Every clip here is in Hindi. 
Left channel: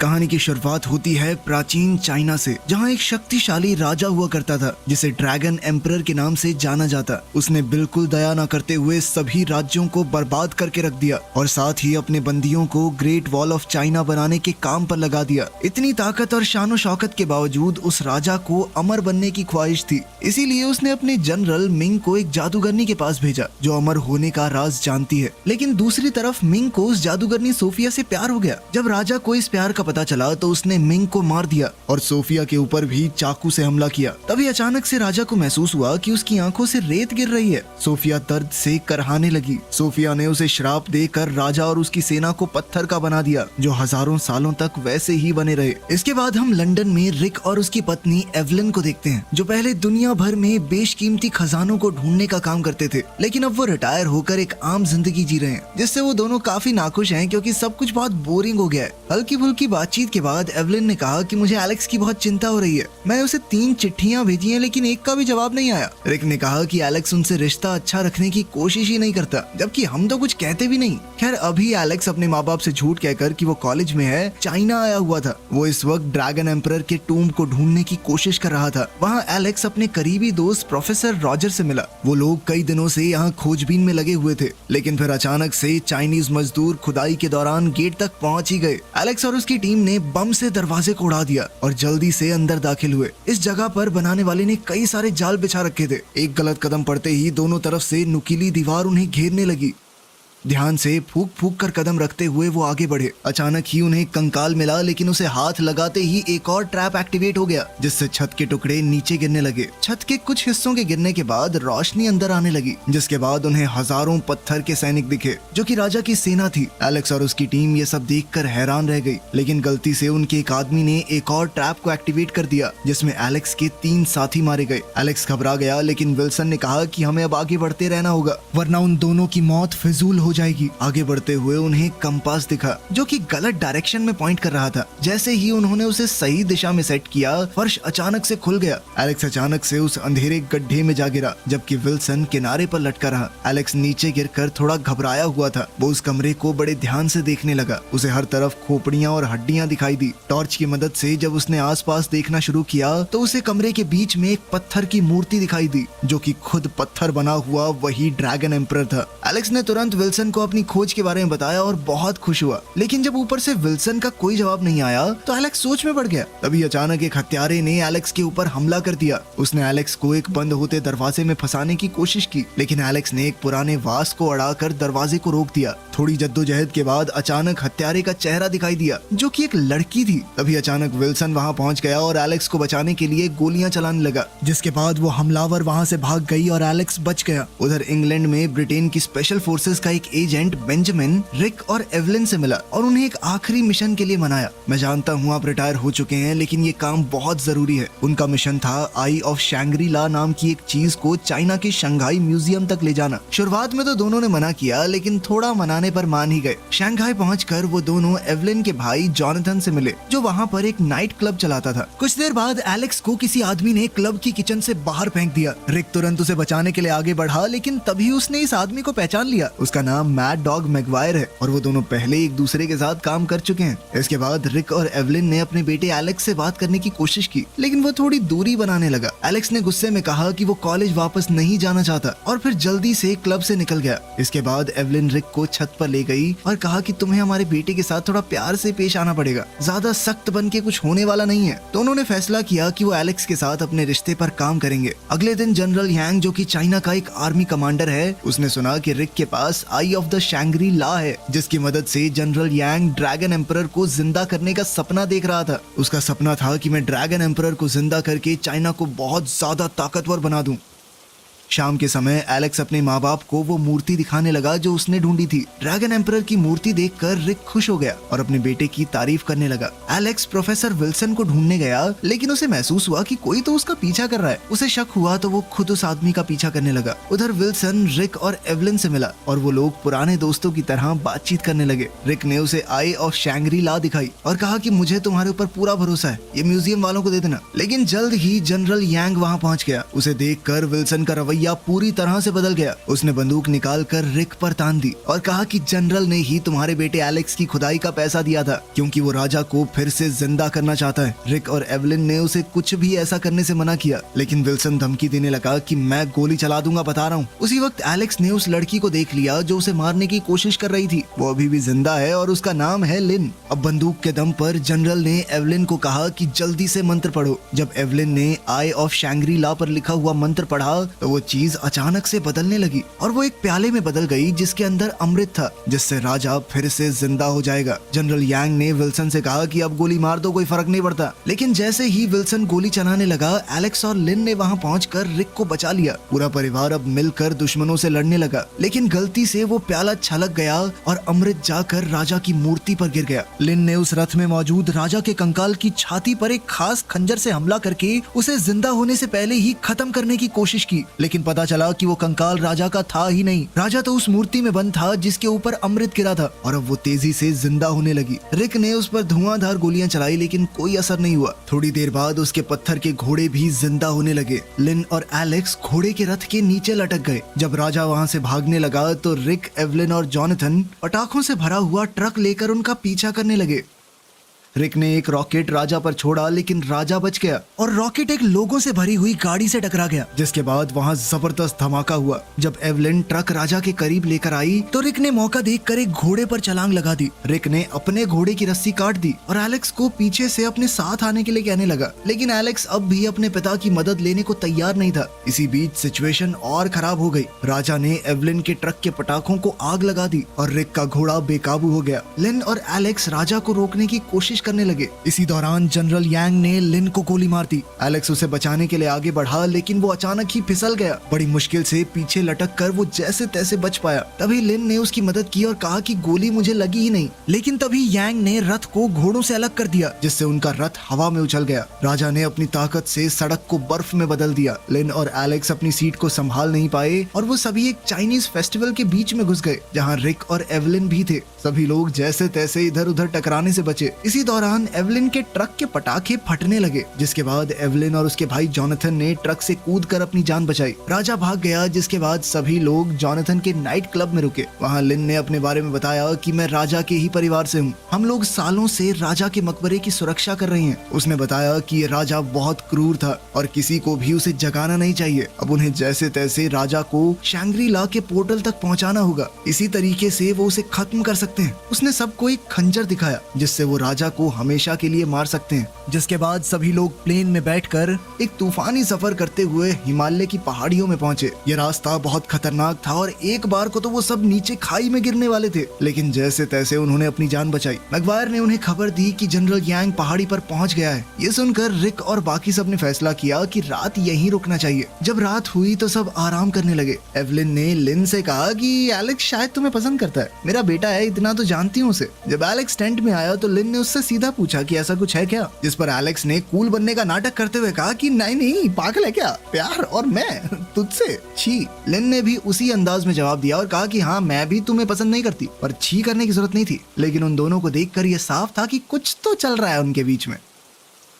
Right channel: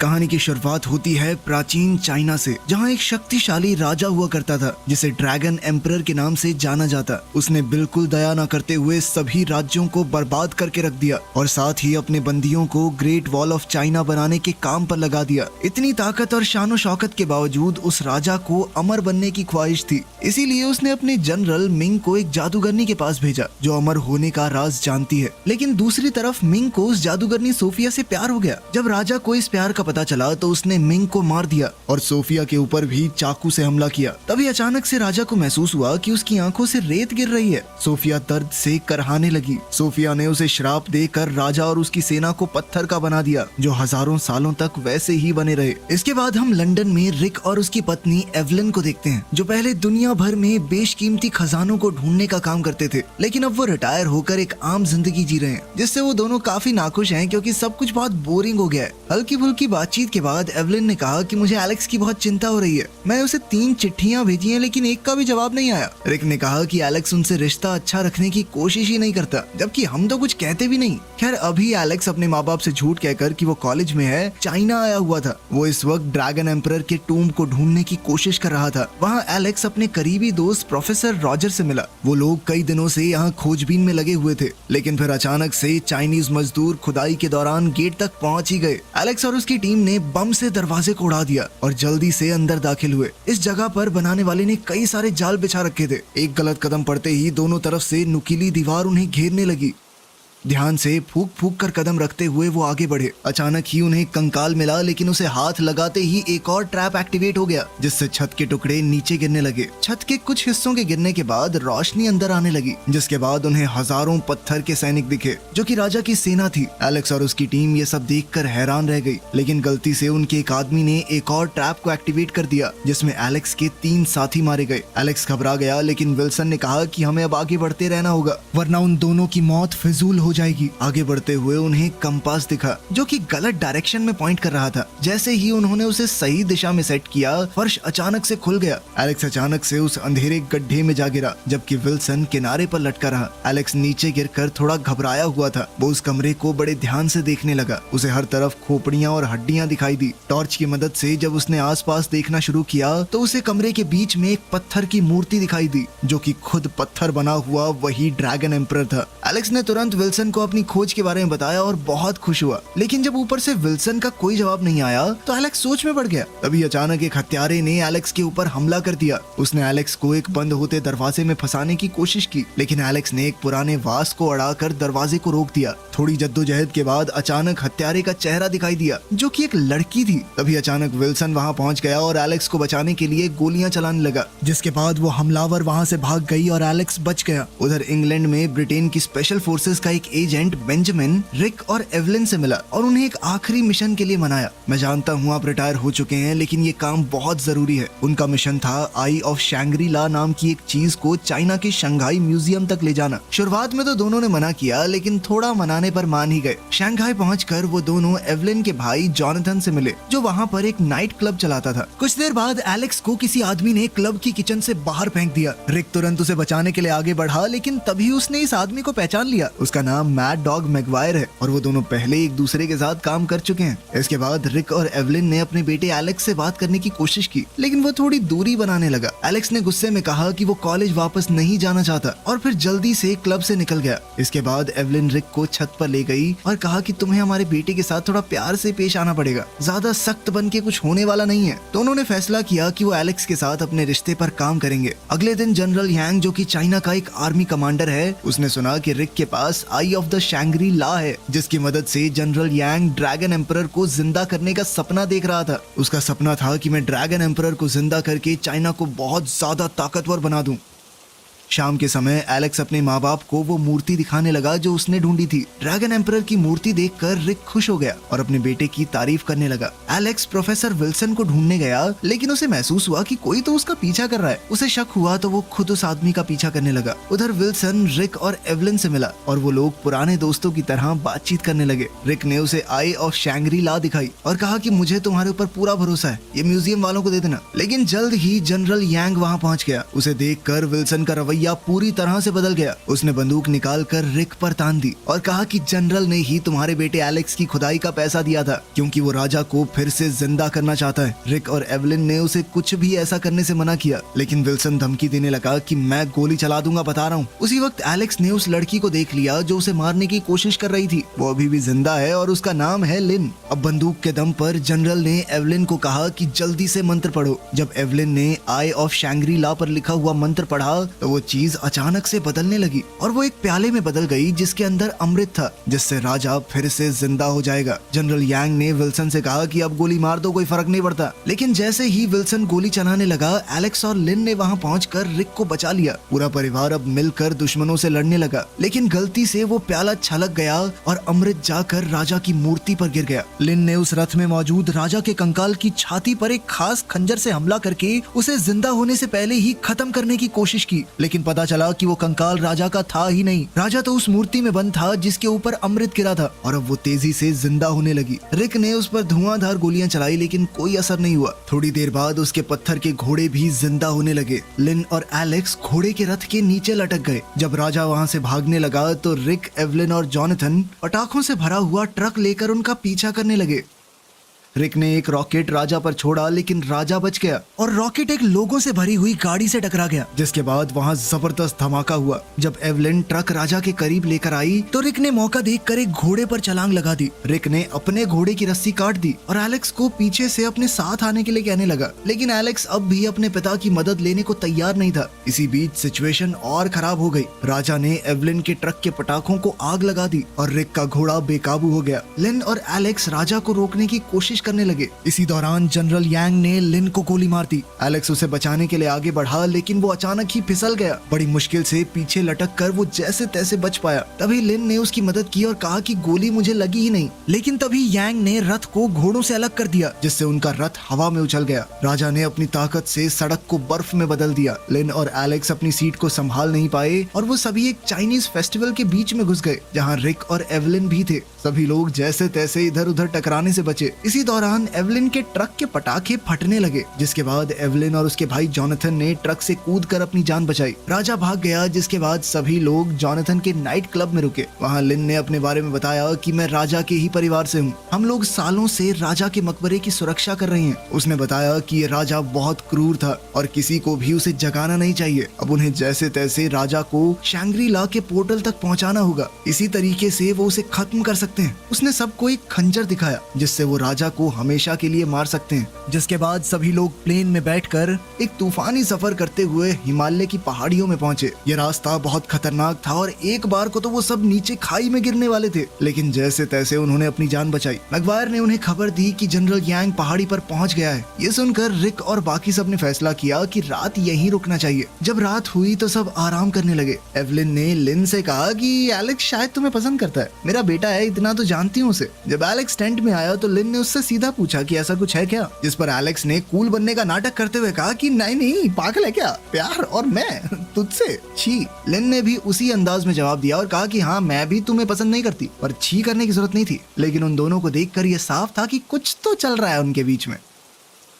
कहानी की शुरुआत होती है प्राचीन चाइना से, जहाँ एक शक्तिशाली राजा हुआ करता था जिसे ड्रैगन एम्परर के नाम से जाना जाता। उसने बिल्कुल दया न करते हुए सभी राज्यों को बर्बाद करके रख दिया और साथ ही अपने बंदियों को ग्रेट वॉल ऑफ चाइना बनाने के काम पर लगा दिया। इतनी ताकत और शान शौकत के बावजूद उस राजा को अमर बनने की ख्वाहिश थी, इसीलिए उसने अपने जनरल मिंग को एक जादूगरनी के पास भेजा जो अमर होने का राज जानती है। लेकिन दूसरी तरफ मिंग को उस जादूगरनी सोफिया से प्यार हो गया। जब राजा को इस प्यार का पता चला तो उसने मिंग को मार दिया और सोफिया के ऊपर भी चाकू से हमला किया। तभी अचानक से राजा को महसूस हुआ कि उसकी आंखों से रेत गिर रही है। सोफिया दर्द से करहाने लगी। सोफिया ने उसे श्राप देकर राजा और उसकी सेना को पत्थर का बना दिया, जो हजारों सालों तक वैसे ही बने रहे। इसके बाद हम लंदन में रिक और उसकी पत्नी एवलिन को देखते हैं, जो पहले दुनिया भर में बेशकीमती खजानों को ढूंढने का काम करते थे, लेकिन अब वो रिटायर होकर एक आम जिंदगी जी रहे हैं, जिससे वो दोनों काफी नाखुश हैं क्योंकि सब कुछ बहुत बोरिंग हो गया है। हल्की फुल्की बातचीत के बाद एवलिन ने कहा कि मुझे एलेक्स की बहुत चिंता हो रही है। मैं उसे 3 चिट्ठियां भेजी हैं, लेकिन एक का भी जवाब नहीं आया। रिक ने कहा कि एलेक्स उनसे रिश्ता अच्छा रखने की कोशिश ही नहीं करता, जबकि हम तो कुछ कहते भी नहीं। खैर, अभी एलेक्स अपने माँ बाप से झूठ कहकर कि वो कॉलेज में है, चाइना आया हुआ था। वो इस वक्त ड्रैगन एम्परर के टूम्ब को ढूंढने की कोशिश कर रहा था। वहाँ एलेक्स अपने करीबी दोस्त प्रोफेसर रॉजर से मिला। वो लोग कई दिनों से यहाँ खोजबीन में लगे हुए थे, लेकिन फिर अचानक से चाइनीज मजदूर खुदाई के दौरान गेट तक पहुंच ही गए। एलेक्स और उसकी टीम ने बम से दरवाजे को उड़ा दिया और जल्दी से अंदर दाखिल हुए। इस जगह पर बनाने वाले ने कई सारे जाल बिछा रखे थे। एक गलत कदम पड़ते ही दोनों तरफ से नुकीली दीवार उन्हें घेरने लगी। ध्यान से फूक फूक कर कदम रखते हुए वो आगे बढ़े। अचानक ही उन्हें कंकाल मिला, लेकिन उसे हाथ लगाते ही एक और ट्रैप एक्टिवेट हो गया, जिससे छत के टुकड़े नीचे गिरने लगे। छत के कुछ हिस्सों के गिरने के बाद रोशनी अंदर आने लगी, जिसके बाद उन्हें हजारों पत्थर के सैनिक दिखे, जो कि राजा की सेना थी। एलेक्स और उसकी टीम ये सब देखकर हैरान रह गई, लेकिन गलती से उनके एक आदमी ने एक और ट्रैप को एक्टिवेट कर दिया, जिसमें एलेक्स के 3 साथी मारे गए। एलेक्स घबरा गया, लेकिन विल्सन ने कहा कि हमें अब आगे बढ़ते रहना होगा, वरना उन दोनों की मौत फिजूल हो जाएगी। आगे बढ़ते हुए उन्हें कंपास दिखा, जो कि गलत डायरेक्शन में पॉइंट कर रहा था। जैसे ही उन्होंने उसे सही दिशा में सेट किया, फर्श अचानक से खुल गया। एलेक्स अचानक से उस अंधेरे गड्ढे में जा गिरा, जबकि विल्सन किनारे पर लटका रहा। एलेक्स नीचे गिरकर थोड़ा घबराया हुआ था। वो उस कमरे को बड़े ध्यान से देखने लगा। उसे हर तरफ खोपड़ियां और हड्डियां दिखाई दी। टॉर्च की मदद से जब उसने आसपास देखना शुरू किया, तो उसे कमरे के बीच में एक पत्थर की मूर्ति दिखाई दी, जो कि खुद पत्थर बना हुआ वही ड्रैगन एम्परर था। एलेक्स ने तुरंत विल्सन को अपनी खोज के बारे में बताया और बहुत खुश हुआ, लेकिन जब ऊपर से विल्सन का कोई जवाब नहीं आया तो एलेक्स सोच में पड़ गया। तभी अचानक एक हत्यारे ने एलेक्स के ऊपर हमला कर दिया। उसने एलेक्स को एक बंद होते दरवाजे में फंसाने की कोशिश की, लेकिन एलेक्स ने एक पुराने वास को अड़ाकर दरवाजे को रोक दिया। थोड़ी जद्दोजहद के बाद अचानक हत्यारे का चेहरा दिखाई दिया, जो कि एक लड़की थी। तभी अचानक विल्सन वहाँ पहुँच गया और एलेक्स को बचाने के लिए गोलियां चलाने लगा, जिसके बाद वो हमलावर वहाँ से भाग गई और एलेक्स बच गया। उधर इंग्लैंड में ब्रिटेन की स्पेशल फोर्सेस का एक एजेंट बेंजामिन रिक और एवलिन से मिला और उन्हें एक आखिरी मिशन के लिए मनाया। मैं जानता हूँ आप रिटायर हो चुके हैं, लेकिन ये काम बहुत जरूरी है। उनका मिशन था आई ऑफ शैंग्री ला नाम की एक चीज को चाइना की शंघाई म्यूजियम तक ले जाना। शुरुआत में तो दोनों ने मना किया, लेकिन थोड़ा मनाने पर मान ही गए। शंघाई पहुंचकर वो दोनों एवलिन के भाई जॉनथन से मिले, जो वहाँ पर एक नाइट क्लब चलाता था। कुछ देर बाद एलेक्स को किसी आदमी ने क्लब की किचन से बाहर फेंक दिया। रिक तुरंत उसे बचाने के लिए आगे बढ़ा, लेकिन तभी उसने इस आदमी को पहचान लिया। उसका नाम मैड डॉग मैगवायर है और वो दोनों पहले एक दूसरे के साथ काम कर चुके हैं। इसके बाद रिक और एवलिन ने अपने बेटे एलेक्स से बात करने की कोशिश की, लेकिन वो थोड़ी दूरी बनाने लगा। एलेक्स ने गुस्से में कहा कि वो कॉलेज वापस नहीं जाना चाहता और फिर जल्दी से क्लब से निकल गया। इसके बाद एवलिन रिक को छत पर ले गई और कहा कि तुम्हें हमारे बेटे के साथ थोड़ा प्यार से पेश आना पड़ेगा, ज्यादा सख्त बन के कुछ होने वाला नहीं है। तो उन्होंने फैसला किया कि वो एलेक्स के साथ अपने रिश्ते पर काम करेंगे। अगले दिन जनरल यांग, जो कि चाइना का एक आर्मी कमांडर है, उसने सुना कि रिक के पास आई ऑफ द शैंग्री ला है, जिसकी मदद से जनरल यांग ड्रैगन एम्परर को जिंदा करने का सपना देख रहा था। उसका सपना था कि मैं ड्रैगन एम्परर को जिंदा करके चाइना को बहुत ज्यादा ताकतवर बना दूं। शाम के समय एलेक्स अपने माँ बाप को वो मूर्ति दिखाने लगा जो उसने ढूंढी थी। ड्रैगन एम्परर की मूर्ति देखकर रिक खुश हो गया और अपने बेटे की तारीफ करने लगा। एलेक्स प्रोफेसर विल्सन को ढूंढने गया, लेकिन उसे महसूस हुआ कि कोई तो उसका पीछा कर रहा है। उसे शक हुआ तो वो खुद उस आदमी का पीछा करने लगा। उधर विल्सन रिक और एवलिन से मिला और वो लोग पुराने दोस्तों की तरह बातचीत करने लगे। रिक ने उसे आई ऑफ शैंग्री ला दिखाई और कहा कि मुझे तुम्हारे ऊपर पूरा भरोसा है, ये म्यूजियम वालों को दे देना। लेकिन जल्द ही जनरल यांग वहाँ पहुँच गया। उसे देखकर विल्सन का रवैया रवैया पूरी तरह से बदल गया। उसने बंदूक निकालकर रिक पर तान दी और कहा कि जनरल ने ही तुम्हारे बेटे एलेक्स की खुदाई का पैसा दिया था, क्योंकि वो राजा को फिर से जिंदा करना चाहता है। रिक और एवलिन ने उसे कुछ भी ऐसा करने से मना किया, लेकिन विल्सन धमकी देने लगा कि मैं गोली चला दूंगा, बता रहा हूँ। उसी वक्त एलेक्स ने उस लड़की को देख लिया जो उसे मारने की कोशिश कर रही थी। वो अभी भी जिंदा है और उसका नाम है लिन। अब बंदूक के दम पर जनरल ने एवलिन को कहा कि जल्दी से मंत्र पढ़ो। जब एवलिन ने आई ऑफ शैंग्री ला पर लिखा हुआ मंत्र पढ़ा तो वो चीज अचानक से बदलने लगी और वो एक प्याले में बदल गई जिसके अंदर अमृत था, जिससे राजा फिर से जिंदा हो जाएगा। जनरल यांग ने विल्सन से कहा कि अब गोली मार दो, कोई फर्क नहीं पड़ता। लेकिन जैसे ही विल्सन गोली चलाने लगा, एलेक्स और लिन ने वहाँ पहुंचकर रिक को बचा लिया। पूरा परिवार अब मिलकर दुश्मनों से लड़ने लगा, लेकिन गलती से वो प्याला छलक गया और अमृत जाकर राजा की मूर्ति पर गिर गया। लिन ने उस रथ में मौजूद राजा के कंकाल की छाती पर एक खास खंजर से हमला करके उसे जिंदा होने से पहले ही खत्म करने की कोशिश की, लेकिन पता चला कि वो कंकाल राजा का था ही नहीं। राजा तो उस मूर्ति में बंद था जिसके ऊपर अमृत गिरा था और अब वो तेजी से जिंदा होने लगी। रिक ने उस पर धुआंधार गोलियां चलाई, लेकिन कोई असर नहीं हुआ। थोड़ी देर बाद उसके पत्थर के घोड़े भी जिंदा होने लगे। लिन और एलेक्स घोड़े के रथ के नीचे लटक गए। जब राजा वहाँ से भागने लगा तो रिक, एवलिन और जॉनथन पटाखों से भरा हुआ ट्रक लेकर उनका पीछा करने लगे। रिक ने एक रॉकेट राजा पर छोड़ा, लेकिन राजा बच गया और रॉकेट एक लोगों से भरी हुई गाड़ी से टकरा गया, जिसके बाद वहाँ जबरदस्त धमाका हुआ। जब एवलिन ट्रक राजा के करीब लेकर आई तो रिक ने मौका देखकर एक घोड़े पर छलांग लगा दी। रिक ने अपने घोड़े की रस्सी काट दी और एलेक्स को पीछे से अपने साथ आने के लिए कहने लगा, लेकिन एलेक्स अब भी अपने पिता की मदद लेने को तैयार नहीं था। इसी बीच सिचुएशन और खराब हो गई। राजा ने एवलिन के ट्रक के पटाखों को आग लगा दी और रिक का घोड़ा बेकाबू हो गया। लिन और एलेक्स राजा को रोकने की कोशिश करने लगे। इसी दौरान जनरल यांग ने लिन को गोली मार दी। एलेक्स उसे बचाने के लिए आगे बढ़ा, लेकिन वो अचानक ही फिसल गया। बड़ी मुश्किल से पीछे लटक कर वो जैसे तैसे बच पाया। तभी लिन ने उसकी मदद की और कहा कि गोली मुझे लगी ही नहीं, लेकिन तभी यांग ने रथ को घोड़ों से अलग कर दिया, जिससे उनका रथ हवा में उछल गया। राजा ने अपनी ताकत से सड़क को बर्फ में बदल दिया। लिन और एलेक्स अपनी सीट को संभाल नहीं पाए और वो सभी एक चाइनीज फेस्टिवल के बीच में घुस गए, जहाँ रिक और एवलिन भी थे। सभी लोग जैसे तैसे इधर उधर टकराने से बचे। इसी दौरान एवलिन के ट्रक के पटाखे फटने लगे, जिसके बाद एवलिन और उसके भाई जॉनथन ने ट्रक से कूदकर अपनी जान बचाई। राजा भाग गया, जिसके बाद सभी लोग जॉनथन के नाइट क्लब में रुके। वहाँ लिन ने अपने बारे में बताया कि मैं राजा के ही परिवार से हूँ। हम लोग सालों से राजा के मकबरे की सुरक्षा कर रहे हैं। उसने बताया कि ये राजा बहुत क्रूर था और किसी को भी उसे जगाना नहीं चाहिए। अब उन्हें जैसे तैसे राजा को शैंग्री ला के पोर्टल तक पहुँचाना होगा। इसी तरीके से वो उसे खत्म कर सकते हैं। उसने सबको एक खंजर दिखाया जिससे वो राजा को हमेशा के लिए मार सकते हैं। जिसके बाद सभी लोग प्लेन में बैठकर एक तूफानी सफर करते हुए हिमालय की पहाड़ियों में पहुंचे। ये रास्ता बहुत खतरनाक था और एक बार को तो वो सब नीचे खाई में गिरने वाले थे, लेकिन जैसे तैसे उन्होंने अपनी जान बचाई। मैगवायर ने उन्हें खबर दी कि जनरल यांग पहाड़ी पर पहुंच गया है। ये सुनकर रिक और बाकी सब ने फैसला किया कि रात यहीं रुकना चाहिए। जब रात हुई तो सब आराम करने लगे। एवलिन ने लिन से कहा कि एलेक्स शायद तुम्हें पसंद करता है, मेरा बेटा है, इतना तो जानती हूँ उसे। जब एलेक्स टेंट में आया तो लिन ने उससे सीधा पूछा कि ऐसा कुछ है क्या, जिस पर एलेक्स ने कूल बनने का नाटक करते हुए कहा कि नहीं नहीं, पागल है क्या, प्यार और मैं तुझसे छी। लिन ने भी उसी अंदाज में जवाब दिया और कहा कि हाँ, मैं भी तुम्हें पसंद नहीं करती। पर छी करने की जरूरत नहीं थी, लेकिन उन दोनों को देखकर ये साफ था कि कुछ तो चल रहा है उनके बीच में।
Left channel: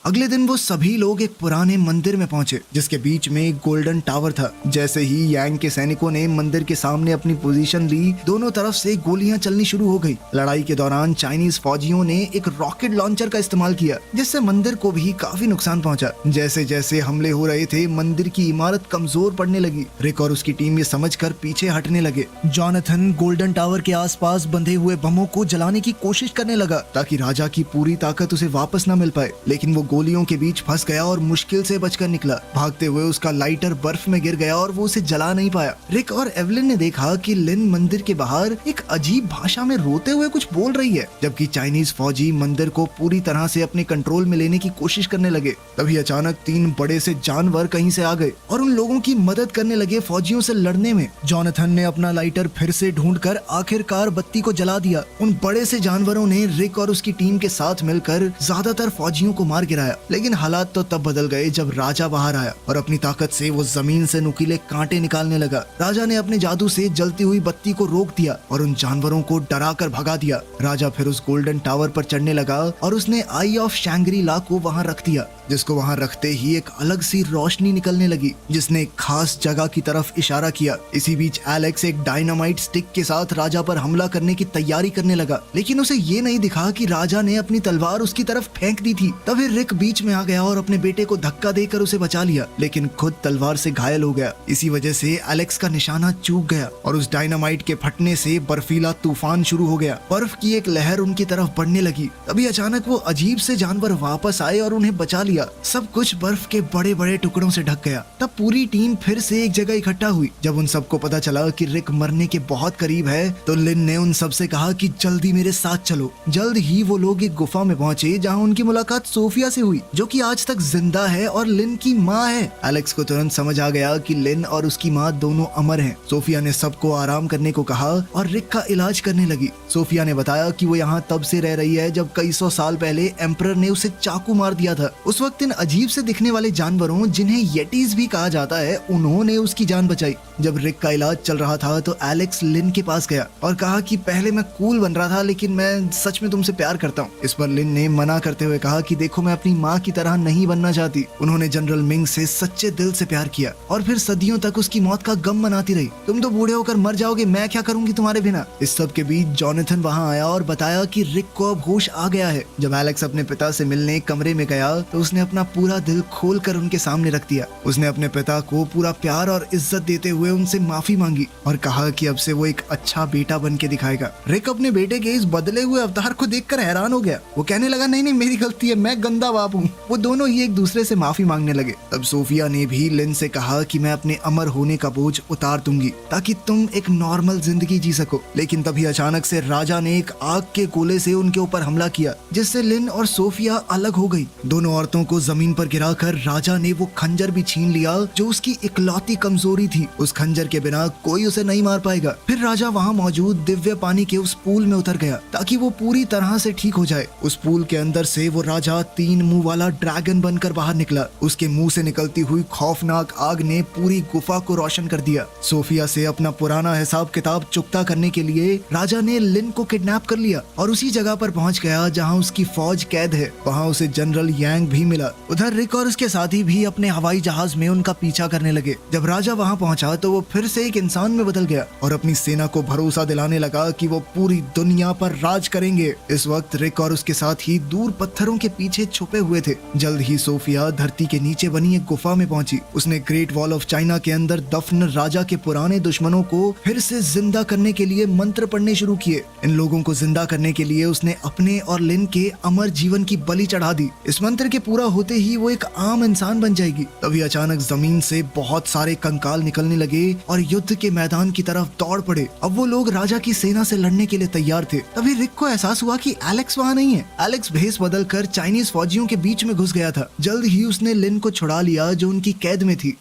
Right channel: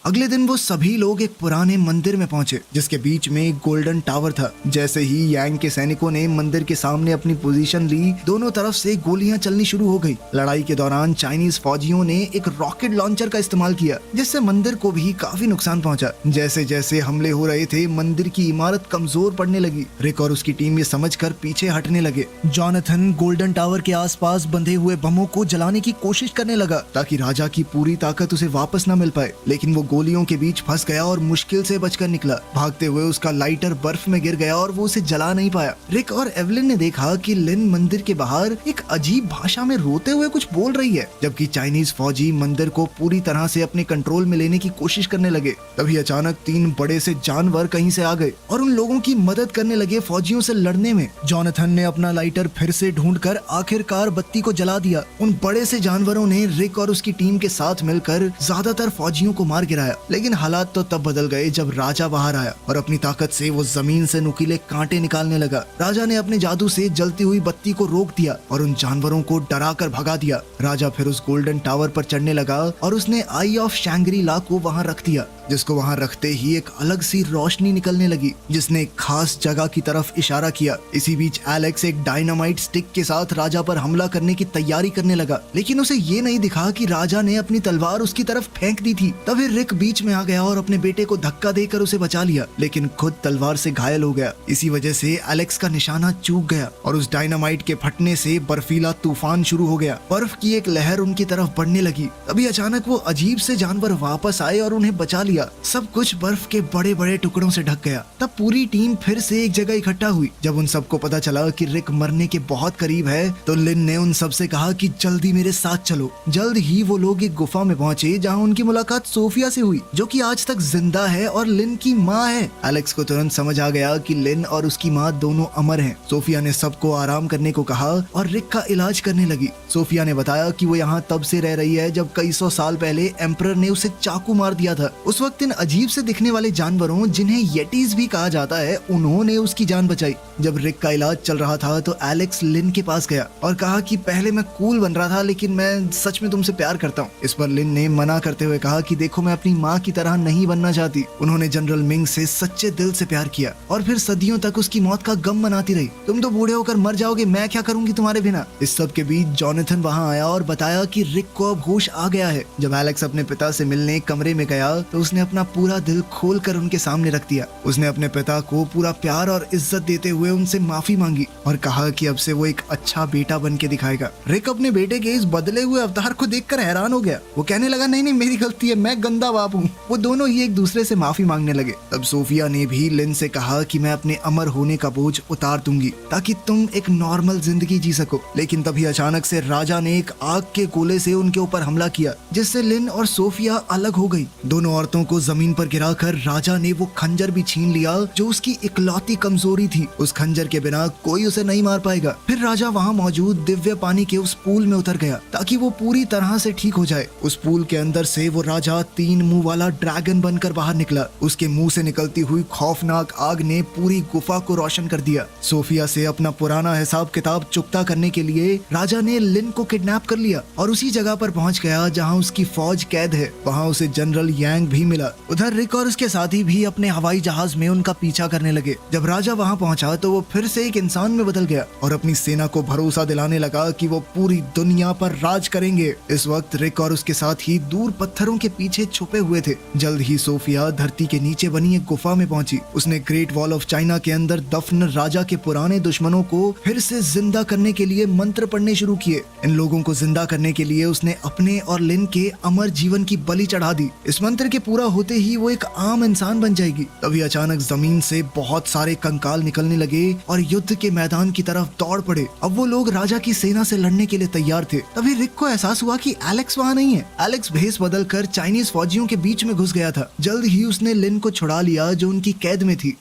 अगले दिन वो सभी लोग एक पुराने मंदिर में पहुंचे, जिसके बीच में एक गोल्डन टावर था। जैसे ही यांग के सैनिकों ने मंदिर के सामने अपनी पोजीशन ली, दोनों तरफ से गोलियां चलनी शुरू हो गई। लड़ाई के दौरान चाइनीज फौजियों ने एक रॉकेट लॉन्चर का इस्तेमाल किया, जिससे मंदिर को भी काफी नुकसान पहुंचा। जैसे जैसे हमले हो रहे थे, मंदिर की इमारत कमजोर पड़ने लगी। रिक और उसकी टीम ये समझकर पीछे हटने लगे। जॉनथन गोल्डन टावर के आसपास बंधे हुए बमों को जलाने की कोशिश करने लगा, ताकि राजा की पूरी ताकत उसे वापस न मिल पाए, लेकिन वो गोलियों के बीच फंस गया और मुश्किल से बचकर निकला। भागते हुए उसका लाइटर बर्फ में गिर गया और वो उसे जला नहीं पाया। रिक और एवलिन ने देखा कि लिन मंदिर के बाहर एक अजीब भाषा में रोते हुए कुछ बोल रही है, जबकि चाइनीज फौजी मंदिर को पूरी तरह से अपने कंट्रोल में लेने की कोशिश करने लगे। तभी अचानक 3 बड़े से जानवर कहीं से आ गए और उन लोगों की मदद करने लगे फौजियों से लड़ने में। जॉनथन ने अपना लाइटर फिर से ढूंढकर आखिरकार बत्ती को जला दिया। उन बड़े से जानवरों ने रिक और उसकी टीम के साथ मिलकर ज्यादातर फौजियों को मार गिराया आया, लेकिन हालात तो तब बदल गए जब राजा बाहर आया और अपनी ताकत से वो जमीन से नुकीले कांटे निकालने लगा। राजा ने अपने जादू से जलती हुई बत्ती को रोक दिया और उन जानवरों को डरा कर भगा दिया। राजा फिर उस गोल्डन टावर पर चढ़ने लगा और उसने आई ऑफ शैंग्री ला को वहाँ रख दिया, जिसको वहाँ रखते ही एक अलग सी रोशनी निकलने लगी जिसने एक खास जगह की तरफ इशारा किया। इसी बीच एलेक्स एक डायनामाइट स्टिक के साथ राजा पर हमला करने की तैयारी करने लगा, लेकिन उसे ये नहीं दिखा कि राजा ने अपनी तलवार उसकी तरफ फेंक दी थी। तभी रिक बीच में आ गया और अपने बेटे को धक्का देकर उसे बचा लिया, लेकिन खुद तलवार से घायल हो गया। इसी वजह से एलेक्स का निशाना चूक गया और उस डायनामाइट के फटने से बर्फीला तूफान शुरू हो गया। बर्फ की एक लहर उनकी तरफ बढ़ने लगी। तभी अचानक वो अजीब से जानवर वापस आए और उन्हें बचा लिया। सब कुछ बर्फ के बड़े बड़े टुकड़ों से ढक गया। तब पूरी टीम फिर से एक जगह इकट्ठा हुई। जब उन सबको पता चला कि रिक मरने के बहुत करीब है, तो लिन ने उन सबसे कहा कि जल्दी मेरे साथ चलो। जल्द ही वो लोग एक गुफा में पहुंचे जहां उनकी मुलाकात सोफिया से हुई, जो कि आज तक जिंदा है और लिन की माँ है। एलेक्स को तुरंत समझ आ गया कि लिन और उसकी माँ दोनों अमर हैं। सोफिया ने सबको आराम करने को कहा और रिक का इलाज करने लगी। सोफिया ने बताया कि वो यहाँ तब से रह रही है जब कई सौ साल पहले एम्परर ने उसे चाकू मार दिया था। उस वक्त इन अजीब से दिखने वाले जानवरों, जिन्हें येटीज भी कहा जाता है, उन्होंने उसकी जान बचाई। जब रिक का इलाज चल रहा था तो एलेक्स लिन के पास गया और कहा कि पहले मैं कूल बन रहा था, लेकिन मैं सच में तुमसे प्यार करता हूँ। इस पर लिन ने मना करते हुए कहा कि देखो, मैं अपनी माँ की तरह नहीं बनना चाहती। उन्होंने जनरल मिंग से सच्चे दिल से प्यार किया और फिर सदियों तक उसकी मौत का गम मनाती रही। तुम तो बूढ़े होकर मर जाओगे, मैं क्या करूंगी तुम्हारे बिना। इस सब के बीच जॉनथन वहाँ आया और बताया कि रिक को अब होश आ गया है। जब एलेक्स अपने पिता से मिलने कमरे में गया तो उसने अपना पूरा दिल खोलकर उनके सामने रख दिया। उसने अपने पिता को पूरा प्यार और इज्जत देते हुए उनसे माफी मांगी और कहा कि अब से वो एक अच्छा बेटा बन के दिखाएगा। रिक अपने बेटे के इस बदले हुए अवतार को देखकर हैरान हो गया। वो कहने लगा, नहीं नहीं, मेरी गलती है, मैं गंदा बाप हूँ। वो दोनों ही एक दूसरे से माफी मांगने लगे। तब सोफिया ने भी लिन से कहा कि मैं अपने अमर होने का बोझ उतार दूंगी ताकि तुम एक नॉर्मल जिंदगी जी सको। लेकिन तभी अचानक से राजा ने एक आग के गोले से उनके ऊपर हमला किया, जिससे लिन और सोफिया अलग हो गई। दोनों औरतों को जमीन पर गिराकर राजा ने वो खंजर भी छीन लिया जो उसकी इकलौती कमजोरी थी। उस खंजर के बिना कोई उसे नहीं मार पाएगा। फिर राजा वहाँ मौजूद दिव्य पानी के उस पूल में उतर गया ताकि वो पूरी तरह से ठीक हो जाए। उस पूल के अंदर से वो राजा 3 मुंह वाला ड्रैगन बनकर बाहर निकला। उसके मुंह से निकलती हुई खौफनाक आग ने पूरी गुफा को रोशन कर दिया। सोफिया से अपना पुराना हिसाब किताब चुकता करने के लिए राजा ने लिन को किडनैप कर लिया और उसी जगह पर पहुंच गया जहां उसकी फौज कैद है। वहां उसे जनरल यांग भी मिला। उधर रिक और उसके साथी भी अपने हवाई जहाज में उनका पीछा करने लगे। जब राजा वहां पहुंचा तो वो फिर से एक इंसान में बदल गया और अपनी सेना को भरोसा दिलाने लगा कि वो पूरी दुनिया पर राज करेंगे। इस वक्त रिक और उसके साथी दूर पत्थरों के पीछे छुपे हुए थे। जल्द ही सोफिया धरती के नीचे बनी एक गुफा में पहुंची। उसने ग्रेट वॉल ऑफ चाइना के अंदर दफन राजा के पुराने दुश्मनों को फिर से जिंदा करने के लिए मंत्र पढ़ने शुरू किए। इन लोगों को जिंदा करने के लिए उसने अपने और लिन के अमर जीवन की बलि चढ़ा दी। इस मंत्र के पूरा होते ही वो एक आम इंसान बन जाएगी। तभी अचानक जमीन से बहुत सारे कंकाल निकलने लगे और युद्ध के मैदान की तरफ दौड़ पड़े। अब वो लोग राजा की सेना से लड़ने के लिए तैयार थे। तभी रिक को एहसास हुआ कि एलेक्स वहाँ नहीं है। एलेक्स भेष बदल कर चाइनीज फौजियों के बीच में घुस गया था। जल्द ही उसने लिन को छुड़ा लिया जो उनकी कैद में थी।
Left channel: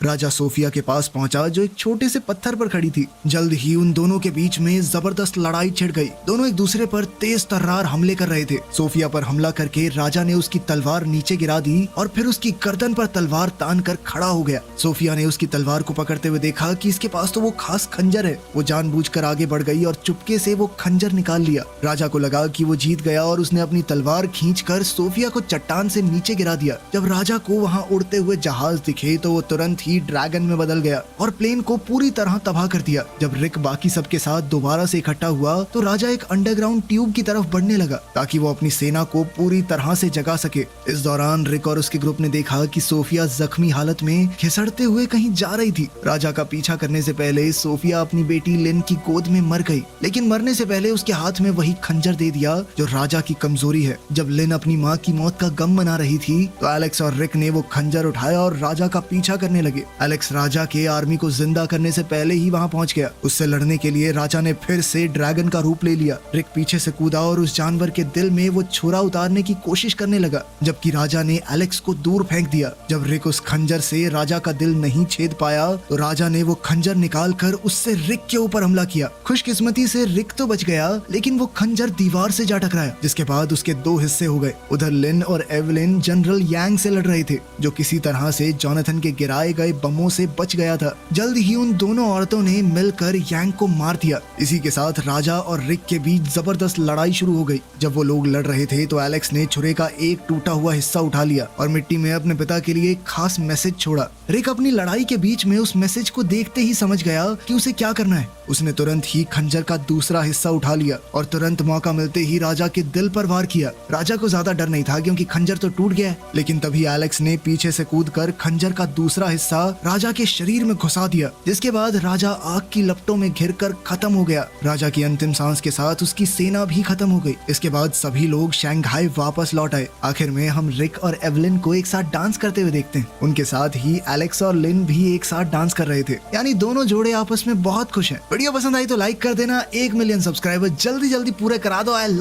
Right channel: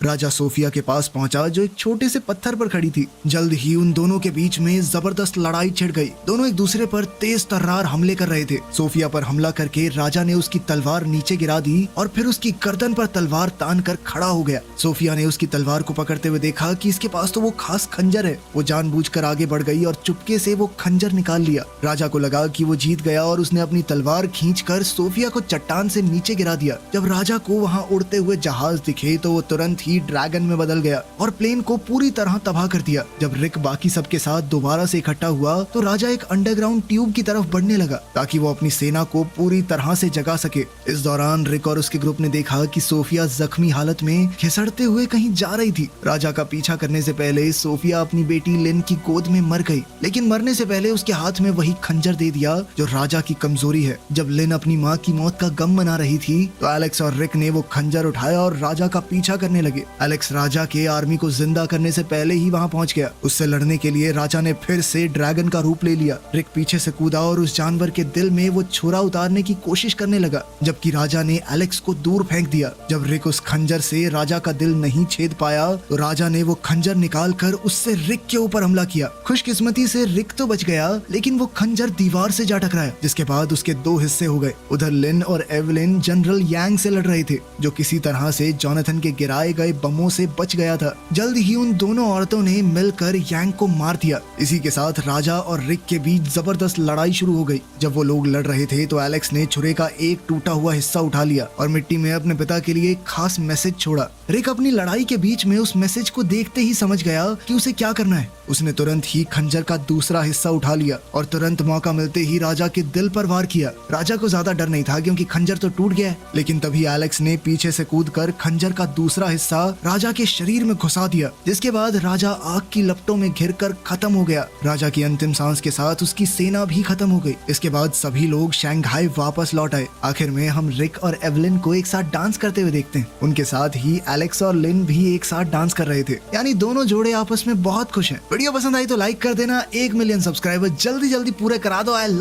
राजा सोफिया के पास पहुंचा जो एक छोटे से पत्थर पर खड़ी थी। जल्द ही उन दोनों के बीच में जबरदस्त लड़ाई छिड़ गई। दोनों एक दूसरे पर तेज तर्रार हमले कर रहे थे। सोफिया पर हमला करके राजा ने उसकी तलवार नीचे गिरा दी और फिर उसकी गर्दन पर तलवार तान कर खड़ा हो गया। सोफिया ने उसकी तलवार को पकड़ते हुए देखा कि इसके पास तो वो खास खंजर है। वो जानबूझकर आगे बढ़ गई और चुपके से वो खंजर निकाल लिया। राजा को लगा कि वो जीत गया और उसने अपनी तलवार खींचकर सोफिया को चट्टान से नीचे गिरा दिया। जब राजा को वहाँ उड़ते हुए जहाज दिखे तो वो तुरंत ही ड्रैगन में बदल गया और प्लेन को पूरी तरह तबाह कर दिया। जब रिक बाकी सबके साथ दोबारा से इकट्ठा हुआ तो राजा एक अंडरग्राउंड ट्यूब की तरफ बढ़ने लगा ताकि वो अपनी सेना को पूरी तरह से जगा सके। इस दौरान रिक और उसके ग्रुप ने देखा कि सोफिया जख्मी हालत में खिसड़ते हुए कहीं जा रही थी। राजा का पीछा करने से पहले सोफिया अपनी बेटी लिन की गोद में मर गई, लेकिन मरने से पहले उसके हाथ में वही खंजर दे दिया जो राजा की कमजोरी है। जब लिन अपनी माँ की मौत का गम मना रही थी तो एलेक्स और रिक ने वो खंजर उठाया और राजा का पीछा करने लगे। एलेक्स राजा की आर्मी को जिंदा करने से पहले ही वहाँ पहुँच गया। उससे लड़ने के लिए राजा ने ने फिर से ड्रैगन का रूप ले लिया। रिक पीछे से कूदा और उस जानवर के दिल में वो छुरा उतारने की कोशिश करने लगा, जबकि राजा ने एलेक्स को दूर फेंक दिया। जब रिक उस खंजर से राजा का दिल नहीं छेद पाया तो राजा ने वो खंजर निकाल कर उससे रिक के ऊपर हमला किया। खुशकिस्मती से रिक तो बच गया, लेकिन वो खंजर दीवार से जा टकराया, जिसके बाद उसके दो हिस्से हो गए। उधर लिन और एवलिन जनरल यांग से लड़ रहे थे, जो किसी तरह से जोनाथन के गिराए गए बमों से बच गया था। जल्द ही उन दोनों औरतों ने मिलकर यांग को मार दिया। इसी के साथ राजा और रिक के बीच जबरदस्त लड़ाई शुरू हो गई। जब वो लोग लड़ रहे थे तो एलेक्स ने छुरे का एक टूटा हुआ हिस्सा उठा लिया और मिट्टी में अपने पिता के लिए एक खास मैसेज छोड़ा। रिक अपनी लड़ाई के बीच में उस मैसेज को देखते ही समझ गया कि उसे क्या करना है। उसने तुरंत ही खंजर का दूसरा हिस्सा उठा लिया और तुरंत मौका मिलते ही राजा के दिल पर वार किया। राजा को ज्यादा डर नहीं था क्योंकि खंजर तो टूट गया है, लेकिन तभी एलेक्स ने पीछे से कूदकर खंजर का दूसरा हिस्सा राजा के शरीर में घुसा दिया, जिसके बाद राजा आग की लपटों में घिरकर खत्म हो गया। राजा की अंतिम सांस के साथ उसकी सेना भी खत्म हो गई। इसके बाद सभी लोग शंघाई वापस लौट आए। आखिर में हम रिक और एवलिन को एक साथ डांस करते हुए देखते हैं। उनके साथ ही एलेक्स और लिन भी एक साथ डांस कर रहे थे, यानी दोनों जोड़े आपस में बहुत खुश हैं। वीडियो पसंद आई तो लाइक कर देना। 1 मिलियन सब्सक्राइबर जल्दी जल्दी पूरे करा दो।